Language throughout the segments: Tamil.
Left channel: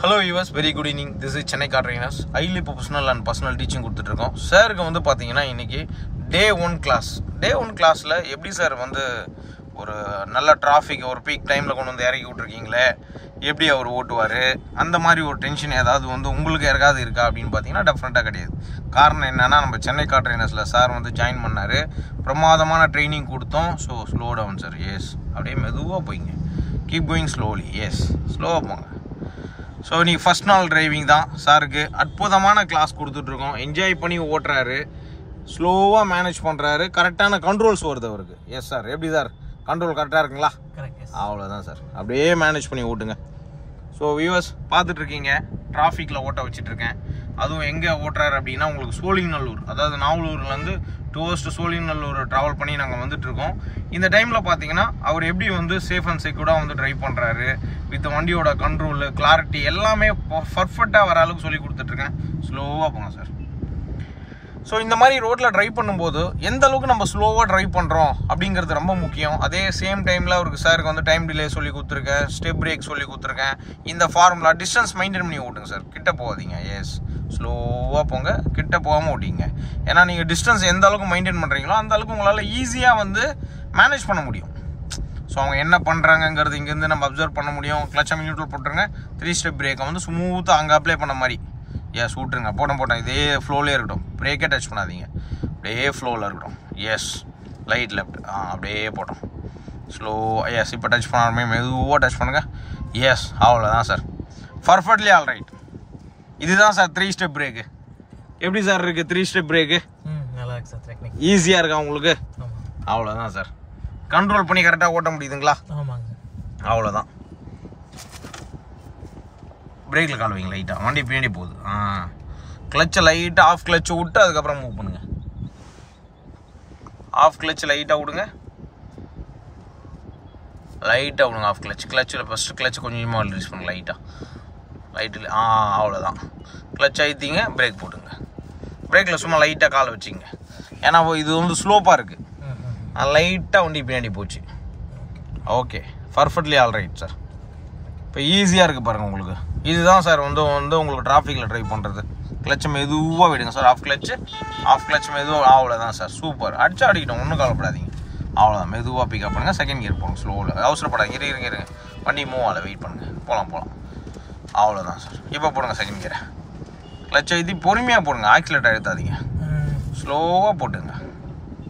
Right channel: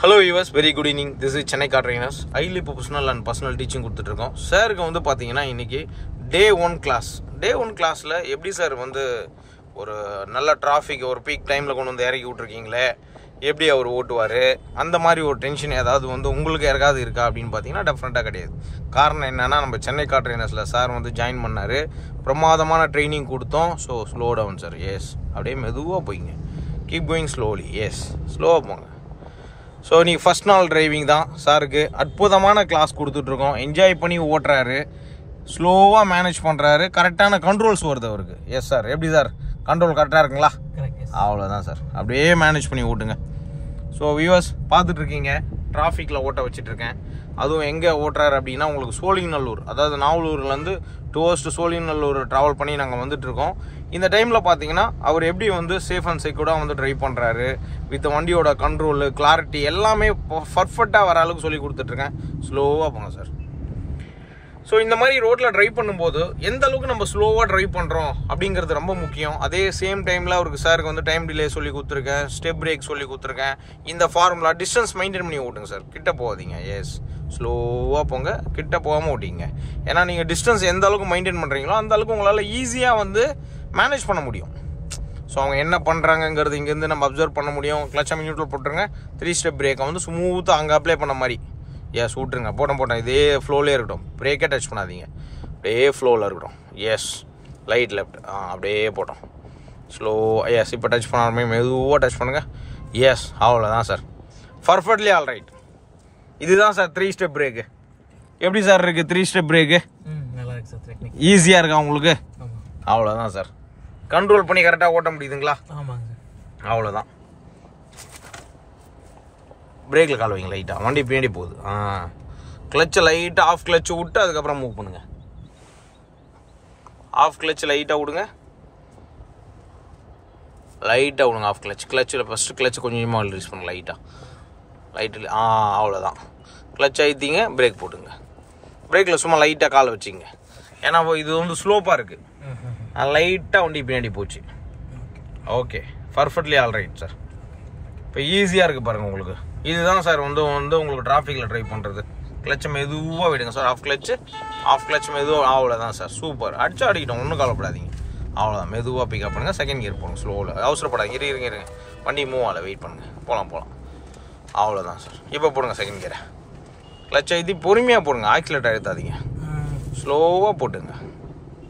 Hello viewers, very good evening. This is Chennai Car Trainers. Highly professional and personal teaching கொடுத்துட்ருக்கோம். சாருக்கு வந்து பார்த்தீங்கன்னா இன்றைக்கி Day 1 class. Day 1 கிளாஸில் எப்படி சார் வந்து ஒரு நல்ல டிராஃபிக் ஒரு பீக் டைமில் கொண்டு வந்து இறக்கி விட்ருக்கீங்களே, எப்படி அவர் ஓட்டுவார், அந்த மாதிரி ஒரு டென்ஷன் ஏதாவது வந்து உங்களுக்கு யாருக்காவது இருக்கா அப்படின்னு பார்த்தீங்கன்னா டெஃபினட்டாக கிடையாது. காரணம் என்னென்னா, நம்ம சென்னை கார் ட்ரெயினர்ஸில் சார் வந்து ஜாயின் பண்ணார், பிரமாதமான ட்ரைனிங் கொடுத்தோம். So slow down sir, yes, அப்படியே மெதுவாக போய்ங்க, கீப் கோயிங் ஸ்லோலி, எஸ், ஸ்லோவாக போங்க. ஸோ இன்றைக்கி ஃபஸ்ட் நாள் டிரைவிங் தான் சாருக்கு. அற்புதமான கிளாஸ் கொடுத்துட்ருக்கோம். என்ஜாய் பண்ணி ஓட்டுறாரு, ஸ்லோவாக மேனேஜ் பண்ணுறாரு, கரெக்டான கண்ட்ரோல்ஸ் வருது அவருக்கு. எஸ் சார், எப்படி சார் கண்ட்ரோல் கரெக்டாக இருக்குங்களா? அவ்வளோதான் சார், அப்படியே மேனேஜ் பண்ணி ஓட்டுங்க. ஸோ வியூவர்ஸ் பார்த்துட்ருக்கீங்க, டிராஃபிக்கில் ஓட்ட வச்சிட்ருக்கேன். அதுவும் எங்கே ஓட்டுறாரு அப்படின்னா உங்களுக்கு சோழிங்கநல்லூர், அதாவது நாவலூர்லேருந்து டுவர்ஸ்ட் சோழிங்கநல்லூர் ட்ராவல் பண்ணி நாங்கள் வந்துட்டுருக்கோம். இந்த டைமில் பார்த்தீங்கன்னா அவர் எப்படி வந்து சேஃப் அண்ட் செக்யூர்டாக வந்து ட்ரைவ் பண்ணுறாரு, வித் வண்டியோட கண்ட்ரோலு, கிளாரிட்டி எல்லாமே பர்ஃபெக்டாக வர அளவுக்கு சொல்லி கொடுத்துட்ருக்கேன். ஸ்லோவாக போங்க சார். ஸோ இந்த மாதிரி ரோட்டில் ட்ரைவ் பண்ணும்போது எந்த அளவுக்கு நம்ம ஸ்லோவாக ட்ரைவ் பண்ணுறோம் அப்படிங்கிறது ரொம்ப முக்கியம். அதே சேம் டைமில் அவருக்கு சாருக்கு வந்து டைம் டிலே சொல்லி கொடுத்துருக்கேன், ஸ்டெப் பிரேக் சொல்லி கொடுத்துருக்கேன். இந்த ஃபார்முலா டிஸ்டன்ஸ் மெயின்டைன் பண்ணி ஓட்டுங்க சார், கிட்ட போகாதீங்க. எஸ், ஸ்லோவாக போங்க, கிட்ட போகாமல் ஓட்டிங்க. ஏன்னா நீங்கள் டிஸ்டன்ஸ் எந்த அளவுக்கு மெயின்டைன் பண்ணுறீங்களோ அந்த அளவுக்கு உங்களால் ஈஸியாக வந்து மேனேஜ் பண்ண முடியும். ஸோ அவங்க என்ன பண்ணுறாங்கங்கிறது இங்கேருந்து நம்ம அப்சர்வ் பண்ண முடியும். கிளச்சை நியூட்ரல் போட்டுருங்க, 3 ஸ்டெப் பிரேக்கை வந்து ஸ்மூத்தாக அங்கே அப்ளை பண்ண மாதிரி எஸ் விட்ருங்க. போட்டேன், இதே ஃப்ளோலே இருக்கட்டும், பிரேக்கே டச் பண்ணாதீங்க, அப்படியே ஃப்ளோவில் இருக்கட்டும். எஸ், லைட் லெஃப்ட், அப்படியே போட்டோம், ஸ்லோ. எஸ், இப்போ டச் பண்ணாலுமே மெதுவாக டச் பண்ணுங்கள். எஸ், அவ்வளோதான் சார், பர்ஃபெக்ட்லி ஆல் ரைட். இதுதான் சார் 3 ஸ்டெப் பிரேக்கு. எப்படி சார் இருக்குது 3 ஸ்டெப் பிரேக்கு? நல்லா இருக்கு சார், டெக்னிக் ஈஸியாக இருக்கா உங்களுக்கு? அவ்வளோதான் சார், கண்ட்ரோல் பண்ணி கரெக்டாக ஓட்ட முடியுதுங்களா? அவ்வளோதான். பிரேக்கில் கால் வைங்க லைட்டாக, வண்டி பின்னாடி போகுது. கிளச்சை லைட்டாக ஆஃப் கிளச்சு விட்டு அதுக்கப்புறம் மூவ் பண்ணுங்கள். ஆஃப் கிளச்சு லைட்டாக விடுங்க, லைட்டாக விடுங்க ஆஃப் கிளச். கிளச்சில் ஃபஸ்ட்டு கிளச்சு கொஞ்சமாக ரிலீஸ் பண்ணுங்க லைட்டில். அவ்வளோதான். கிளச் அழுத்திங்க, பிரேக் போட்டுங்க. பிரேக்கில் சும்மா லைட்டாக காலை வச்சிங்க, ஏன்னா இது வந்து ஸ்லோப்பாக இருக்குது, லைட்டாக வண்டி பின்னாடி போச்சு. Okay, perfectly all right sir. இப்போ ஈஸியாக இருக்குது பாருங்கள் உங்களுக்கு. இதுதான் சார் வந்து உங்களுக்கு டிராஃபிக்கில் ட்ரைவ் பண்ணுறது. கிளச்சை மெதுவாக விடுங்க சார், ஆஃப் கிளச் மெதுவாக. அவ்வளோதான் சார், சூப்பர். அடிக்கிட்டோம், ஒன்றும் கவலைப்படாதீங்க. அவ்வளோதான், மெதுவாக பிக்கப் பண்ணுங்கள். செகண்ட் கியர் போடுங்க, ஸ்லோவில், அவசரப்படாதீங்க. இருங்க, வண்டி மூவ் ஆகலை, வெயிட் பண்ணுங்கள், போகலாம். அவ்வளோதான் சார், இப்போ போடுங்க செகண்ட் கியரை. கிளச்சை அழுத்தி பொறுமையாக போடுங்க, ஆக்சிலேட்டர் அழுத்தாதீங்க, ஸ்லோவாக போட்டுங்க.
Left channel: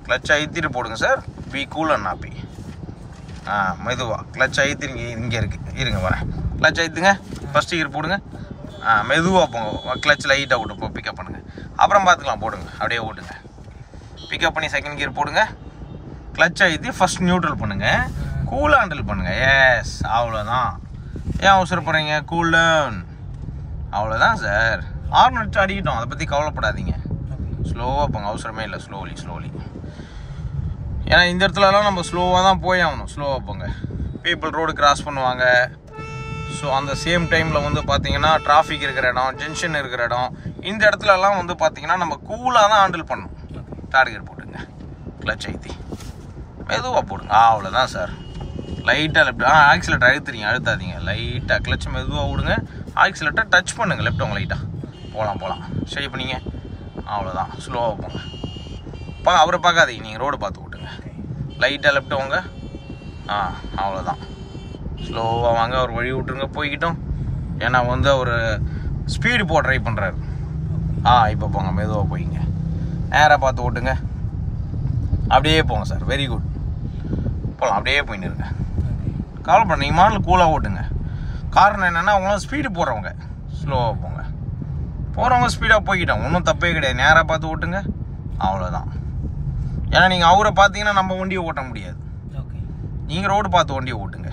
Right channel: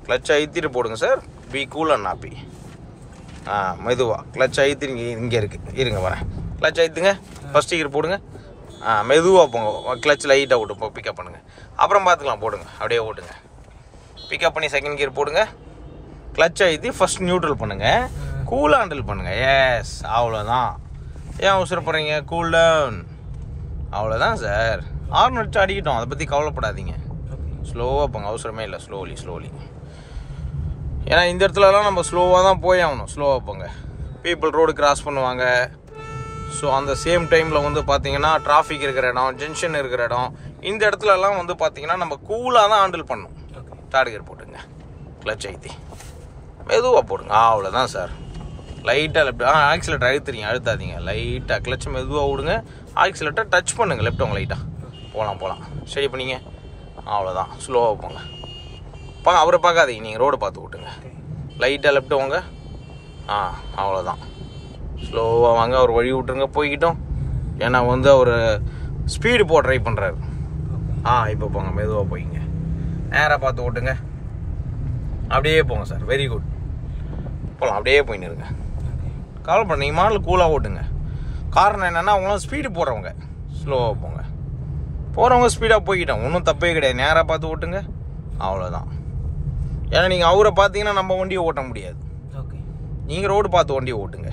கிளச்சை அழுத்திட்டு போடுங்க sir, be cool and happy. மெதுவாக கிளச் அழுத்தி இங்கே இருக்குது, இருங்க வரேன். கிளச் அழுத்துங்க, ஃபஸ்ட்டு கியர் போடுங்க, மெதுவாக போங்க. கிளச் லைட்டாக விட்டு பிக்கப் பண்ணுங்கள், அப்புறம் பார்த்துக்கலாம். போடுங்க, அப்படியே ஓட்டுங்க. பிக்கப் பண்ணி செகண்ட் கியர் போடுங்க. கிளச் அழுத்தி ஃபஸ்ட் நியூட்ரல் பண்ணுங்கள், கூலாக ஹேண்டில் பண்ணுங்கள். எஸ், அவ்வளோதான். ஏன் அவசரப்படுறீங்க? Cool down. அவ்வளோதான் சார். ஹார்ன் அடிச்சு அடிக்கிட்டோம், அதை பற்றி கவலைப்படாதீங்க. ஸ்லோவாக போங்க, அவசரமே இல்லை. ஸ்லோலி. ஏன்னா இந்த இடத்துலலாம் நம்ம ஸ்லோவாக தான் போய் ஆகணும். ஸ்லோவாக போங்க. பீப்புள் ரோடு கிராஸ் பண்ணுவாங்க. ஸோ அந்த சேம் டைமில் வந்து பார்த்தீங்கன்னா டிராஃபிக் இருக்கிற இடம், ஜங்ஷன் இருக்கிற இடம், இந்த இடத்துலலாம் வந்து பார்த்தீங்கன்னா நம்ம கூலாக தான் ஹேண்டில் பண்ணணும். டார்கெட் போட்டுங்க, கிளச் ஐத்தி மெதுவாக போடுங்க. அவ்வளோதான் சார். லைட்டாக லெஃப்ட், ஆக்சிலேட்டர் அழுத்தாதீங்க. லைட்டாக கிளச் மெதுவாக விடுங்க, ஆக்சிலேட்டர் டச் பண்ணுங்கள் லெஃப்ட். அவங்க லைட்டாக போகலாம். சரி பண்ணிங்க. அவ்வளோதான், ஸ்லோவாக போங்க. அவரை பார்க்காதீங்க, நீங்கள் ரோடு பார்த்து ஓட்டுங்க. லைட்டாக லெஃப்ட் வாங்க. அவ்வளோதான், ஸ்லோவாக வாங்க. அவர் வழி விட்டுருங்க, போய்கிட்டோம். ஏன்னா வந்து அவர் ஸ்பீடு போக ட்ரை பண்ணுறாரு. இப்போ போங்க, மெதுவாக போய்ங்க, நேராக பார்த்து ஓட்டுங்க. அப்படியே போங்க சார், வெரி குட். போகலாம், அப்படியே போயின்னு இருங்க, கவலைப்பட. நீங்கள் மாடல் கூலாக ஓட்டுங்க. காரணம் என்னென்னா, அவங்களாம் ஸ்பீடு போடுறவங்க. ஸ்லோவாக போங்க, போகிறவங்க ஸ்பீடாக போய்கிட்டோம், ஒன்றும் தப்பே கிடையாது. நேராக பார்த்து ஓட்டுங்க. அவ்வளோதான். ஏன்னா நீங்கள் அவரை பார்த்தீங்கன்னா நம்ம வண்டியை ஓட்ட முடியாது. நீங்கள் ரோடு பார்த்து வண்டியை ஓட்டுங்க.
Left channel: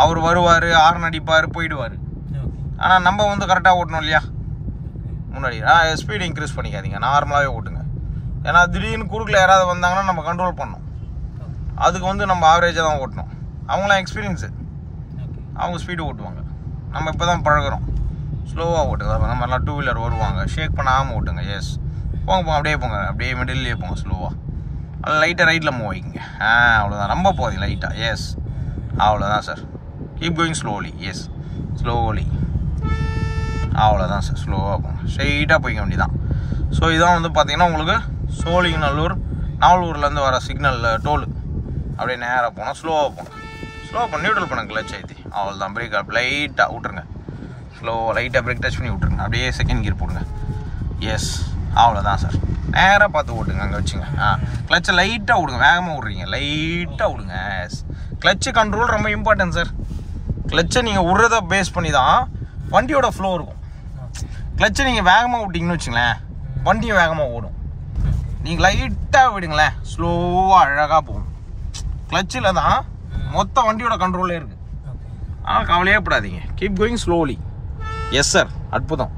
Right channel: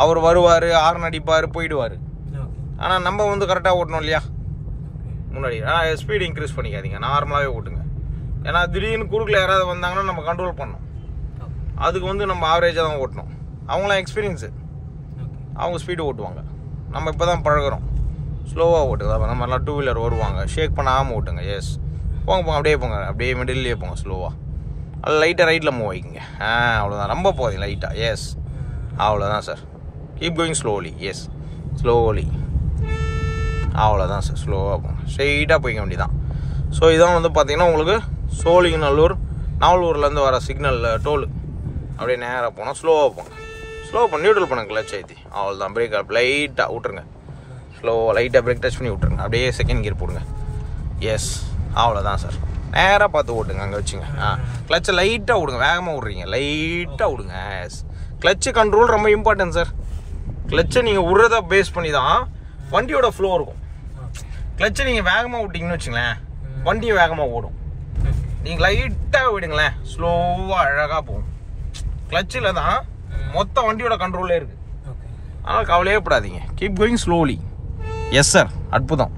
அவர் வருவார், ஹார்ன் அடிப்பார், போயிடுவார். ஆனால் நம்ம வந்து கரெக்டாக ஓட்டணும் இல்லையா? முன்னாடி ஸ்பீடு இன்க்ரீஸ் பண்ணிக்காதீங்க, நார்மலாகவே ஓட்டுங்க. ஏன்னா திடீர்னு குறுக்கில் யாராவது வந்தாங்கன்னா நம்ம கண்ட்ரோல் பண்ணணும். அதுக்கு வந்து நம்ம ஆவரேஜாக தான் ஓட்டணும். அவங்களாம் எக்ஸ்பீரியன்ஸு, அவங்க ஸ்பீடு ஓட்டுவாங்க. நம்ம இப்போ தான் பழகிறோம். ஸ்லோவாக ஓட்டுங்க. நம்ம எல்லாம் 2 வீலர் வருவாங்க, ஷேக் பண்ணாமல் ஓட்டுங்க. எஸ், போங்க, அப்படியே போங்க, அப்படியே மிடில்லையே போங்க. ஸ்லோவாக அது லைட்டாக ரைட்டில் மூவ் ஆகிக்கிங்க. அவ்வளோதான், ரொம்ப போகுது லைட்டாக. எஸ், அவ்வளோதான் sir. Keep going slowly. Yes, slowly. அவ்வளோதான் சார். ஸ்லோவாக போங்க, ஸ்ட்ரெயிட்டாக போய்க்க வேண்டியதான். ஸோ இதான் வந்து பார்த்தீங்கன்னா உங்களுக்கு சோழிங்கநல்லூர் நாவலூர்லேருந்து வர சிக்னல் டோல். அப்படியே நேராக போனால் ஸ்லோவாக போங்க. ஸ்லோ பண்ணி நியூட்ரல் பண்ணுங்க, கிளச் ஏற்றி. அவ்வளோதான். பிரேக் அப் லைட்டாக விட்ருங்க, ஸ்லோவாக லைட்டாக பிரேக் டச் பண்ணி விட்ருங்க. அப்படியே செகண்ட் கியர் போடுங்க. எஸ், அவ்வளோதான் சார். நேராக பார்த்து ஓட்டுங்க, அங்கே வச்சுங்க. கிளச்சை லைட்டாக விடுங்க, வேகமாக விட்றீங்க, லைட்டாக விடுங்க. எஸ், கிளச்சு கண்ட்ரோல் ரொம்ப இம்பார்ட்டன்ட் சார். கிளச்சை நீங்கள் விட்றத பேஸ் பண்ணி தான் வண்டியோட ஃப்ளோ இருக்கும். கிளச்சை நீங்கள் வேகமாக விட்டிங்கன்னு வச்சுங்களேன், வண்டியும் வேகமாக ஓடும். நீங்கள் லைட்டாக விடுங்களேன், ஸ்லோவாக அழகாக போகும். கிளச்சில் தான் மொத்த வண்டியோட கண்ட்ரோலே இருக்குது. ஆனால் கவலையே படாதீங்க. Keep going slowly. Yes sir, அற்புதம்.